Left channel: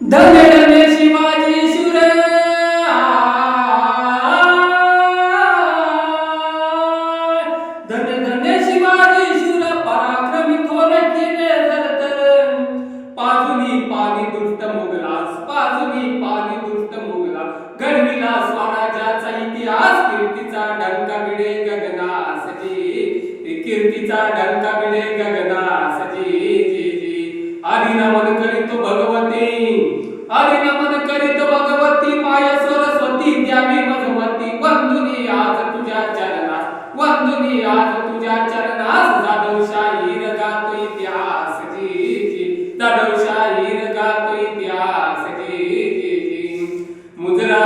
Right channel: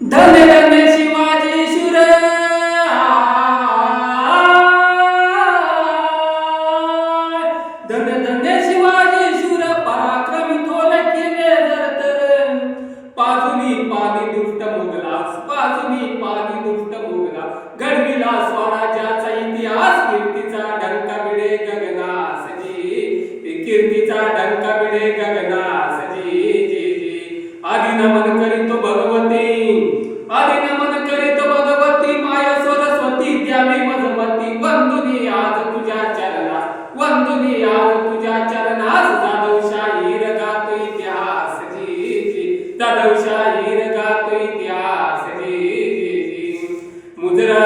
धन्य धन्य शिवाजी शूर धन्य धन्य शिवाजी शूर पराक्रमी थोर केले जरतर पाजुनी पाणी दुष्ट मुघलास पाजुनी पाणी दुष्ट मुघलास घडविला स्वराज्याचा इतिहास कीर्तीचा डंका भिडे गगनास जी कीर्तीचा डंका भिडे गगनास जी आदि नमन करीतो भगवती आदि नमन करीतो भगवती माय सरस्वती द्यावी मजमती वंदुनी आज तुझ्या चरणास वंदुनी आज तुझ्या चरणास जाधवशाहीर गातो इतिहास जी जाधवशाहीर गातो इतिहास जी मुजरा